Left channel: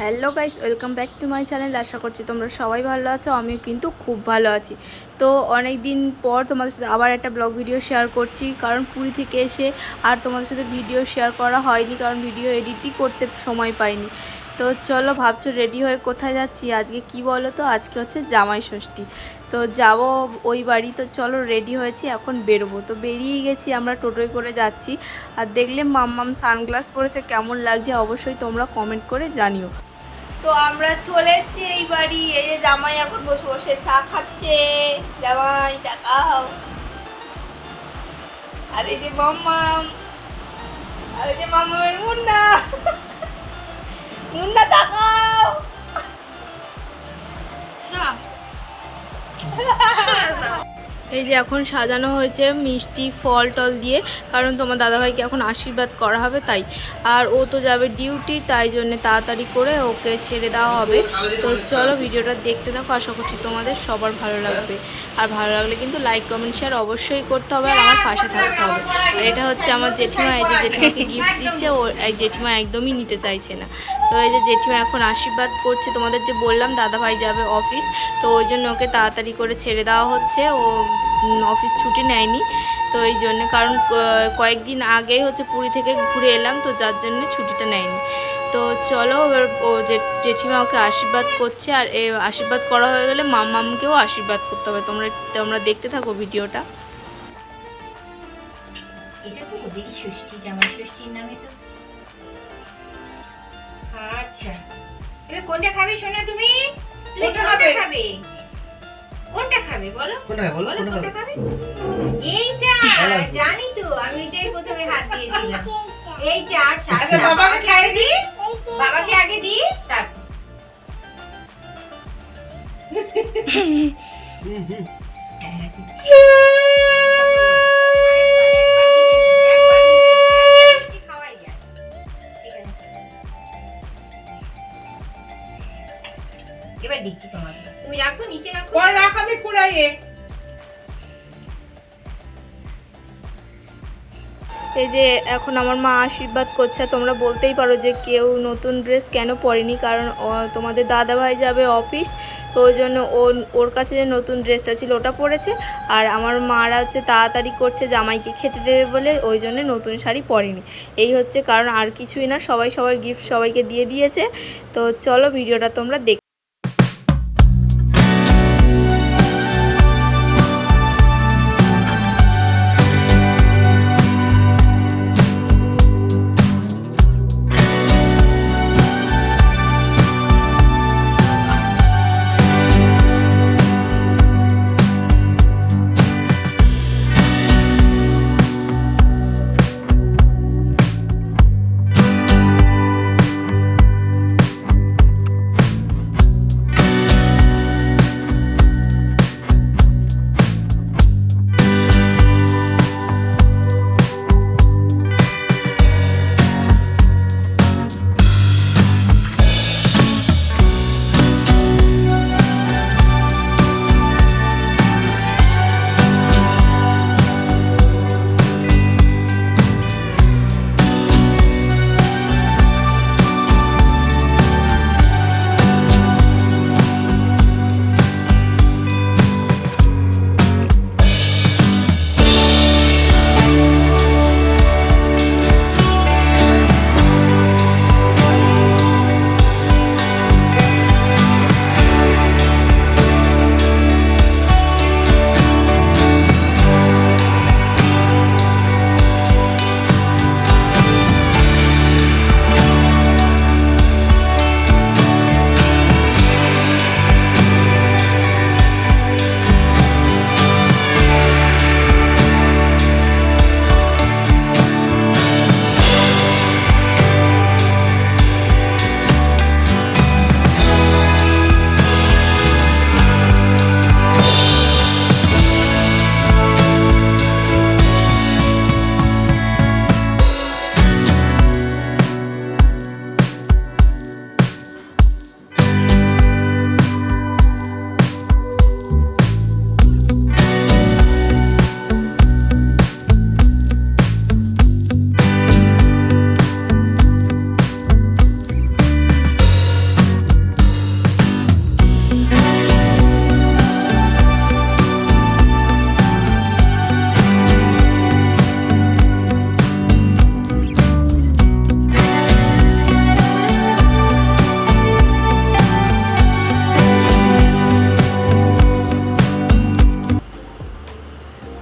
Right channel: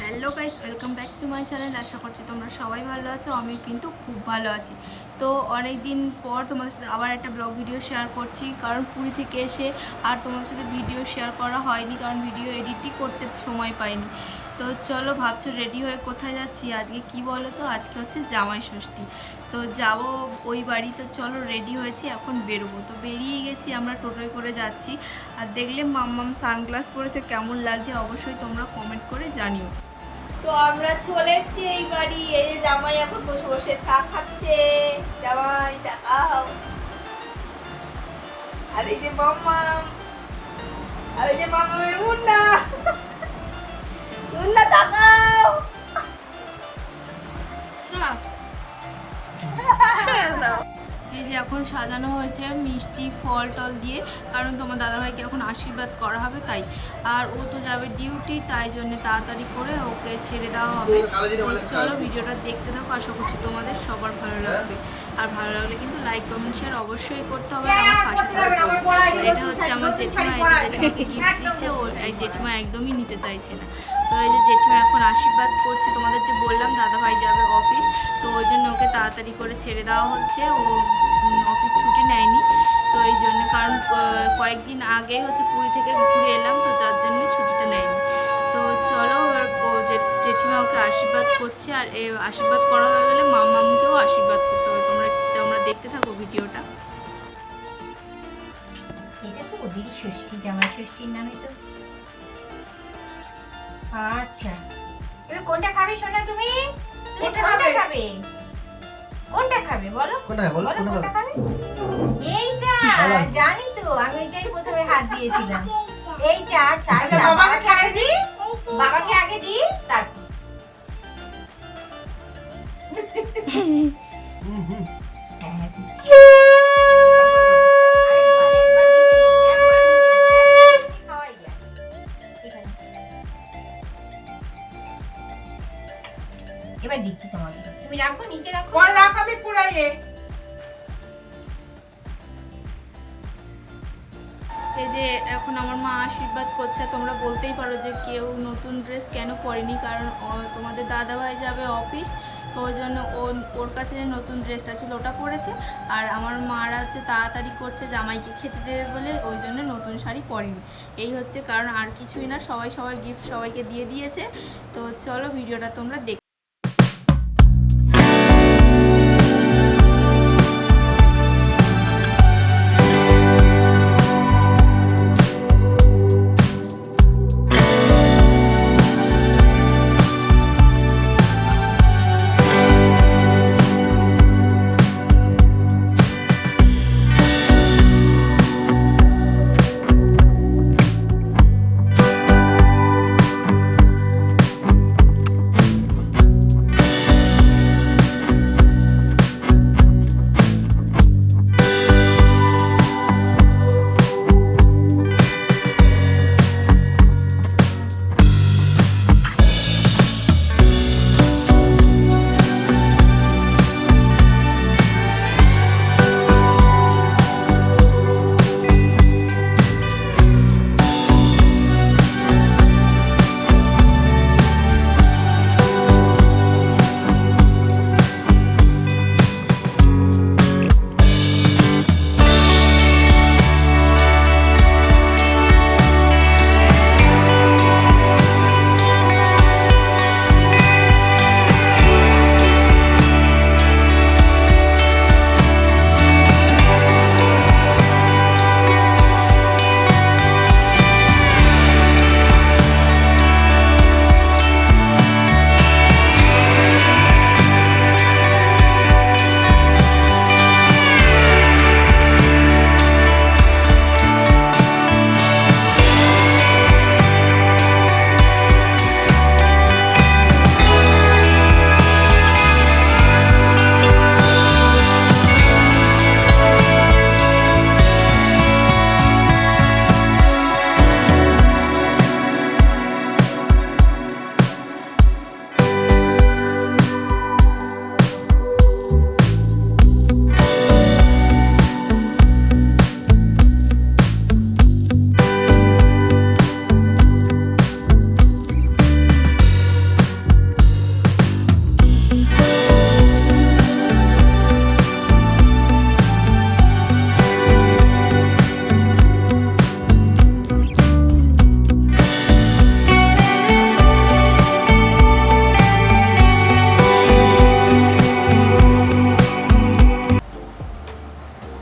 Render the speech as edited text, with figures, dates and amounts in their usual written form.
Hello guys, welcome back to my channel. আশা করছি তোমরা সবাই ভালো আছো। আমিও কিন্তু খুব ভালো আছি। তো অনেক দিন পর তোমাদের সাথে আবার একটা ব্লগ ভিডিও শেয়ার করছি, কারণ পুরী থেকে এসে আর তোমাদের সাথে ভিডিও শেয়ার করা হয়নি, কারণ ভিডিও এডিটই করতে সময় পাইনি। তো চলো, ভাবছো রেডি হয়ে কোথায় যাচ্ছি? আজকে কি বলো তো, আজকে হচ্ছে জামাই ষষ্ঠী। তো যাব ওই বাড়ি। তো চলো, রেডি হয়েছি, এখন বেরোবো। তো বেরিয়ে গেছি, আমরা টোটোয় করে যাচ্ছি। আর দেখলে মাম্মাম সানগ্লাস পরেছে, কেমন লাগছে অবশ্যই তোমরা কমেন্ট করে জানিও। তো আমরা চলে এসেছি এই বাড়ি। এই যে জামাই এখন বসে বসে চা খাচ্ছে। জামাই দেখাও। আর এই যে মাম্মাম, আর এই যে মাম্মামের মুন্না। মুন্না দেখাও। এই যে এখন সাজানো হয়েছে মিষ্টি ফল টল দিয়ে, কারণ তোমার দাদাভাইকে এখন আশীর্বাদ করা হবে তাই। আর ও তো যাবে ডিউটি, তাই জন্য তাড়াতাড়ি করে ওকে ছেড়ে দেওয়া হবে। তো চলো, ভিডিওটা দেখতে থাকো, আশা করছি তোমাদের সবার ভালো লাগবে। আর ভালো লাগলে কিন্তু লাইক কমেন্ট শেয়ার অবশ্যই করতে হবে, আর আমার পাশে থাকতে হবে। এটা হচ্ছে আমার জেঠিমা। এই যে জেঠিমাকে গিফট দিচ্ছে, ও এই জেঠিমা একদমই নিতে চাইছে না। তো এই যে জেঠিমা এখন আশীর্বাদ করছে। তোমাদের যে বললাম দাদাভাই যাবে অফিস, তো ওই জন্য ওকে তাড়াতাড়ি করে ছেড়ে দেওয়া হচ্ছে। ও অফিস ছুটি নেয়নি, তো এই জন্য, কারণ কয়েকদিন আগে হচ্ছে পুরী থেকে ঘুরে এলাম, তো যার জন্য ছুটিটা নেয়নি। তো চলো, ও জেঠিমা ওকে আশীর্বাদ করছে। আর এ আশীর্বাদ করা হয়ে গেলে মামকেও আশীর্বাদ করতে হবে। তোমরা দেখতে থাকো ভিডিওটা। এটা তো ওদেরই ষষ্ঠী, জামাই ষষ্ঠীর নামে তো। আচ্ছা, এবার কোনটা খাবে সোনা? তুমি কোনটা খাবে? কোনটা খাবে বলো? কোনটা খাবে? এইটা জানি তো, আমি এটাই প্রথমে হাত দিয়েছিলাম। এইটা। আচ্ছা আচ্ছা, বাবাকে আগে দি, বাবাকে আগে দি, তারপর হ্যাঁ দিচ্ছি। এবার দিচ্ছি তোমাকে, তুমি রাখো, নিচে রাখো, পরে রাখাবি পুরাইয়ে। এই যে এখন আমার মা আশীর্বাদ করছে। তোমরা বলতেই পারো যে কেউ নতুন ড্রেস কেন পরেনি, কারণ তোমাদের দাদাভাই যাবে অফিস, তো ওই জন্য ওর কাছে যে নতুন ড্রেসটা ছিল ওটা পরেছে। আর আমার মারা হচ্ছে তাড়াতাড়ি করছে জামাইকে খেতে দেবে বলে, ওই জন্য নতুন শাড়ি পরেনি। এই হচ্ছে কারণ, আর কিছুই না। সবাই সবার গিফট সবাইকে দিয়ে দিয়েছে। তো চলো, ভিডিওটা তোমরা দেখ।